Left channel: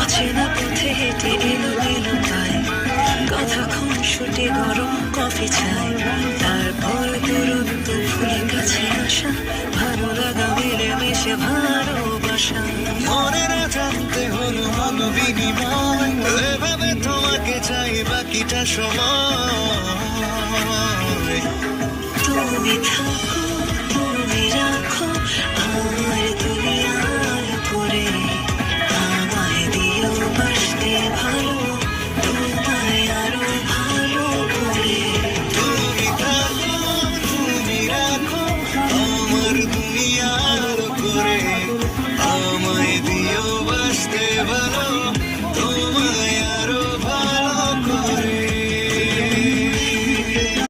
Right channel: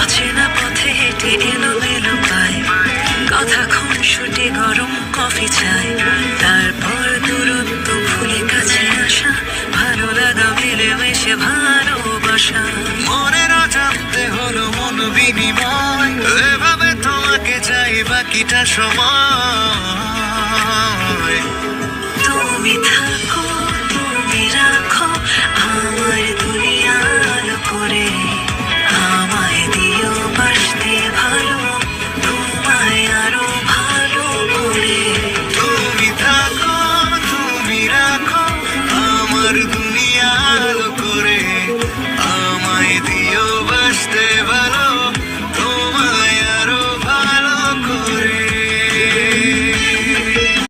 অচেনা পথে হেঁটে এলো পায়, কথা খুনসুটি গরম কফি চাই, তারপর দূরত্ব ভুলে কাছে আসা, ভালো লাগা মিলেমিশে ভালোবাসা। মনের অজান্তে হলো মন বিনিময়, এভাবে তোমাকে চাই বাকিটা সময়। তুমি থাকো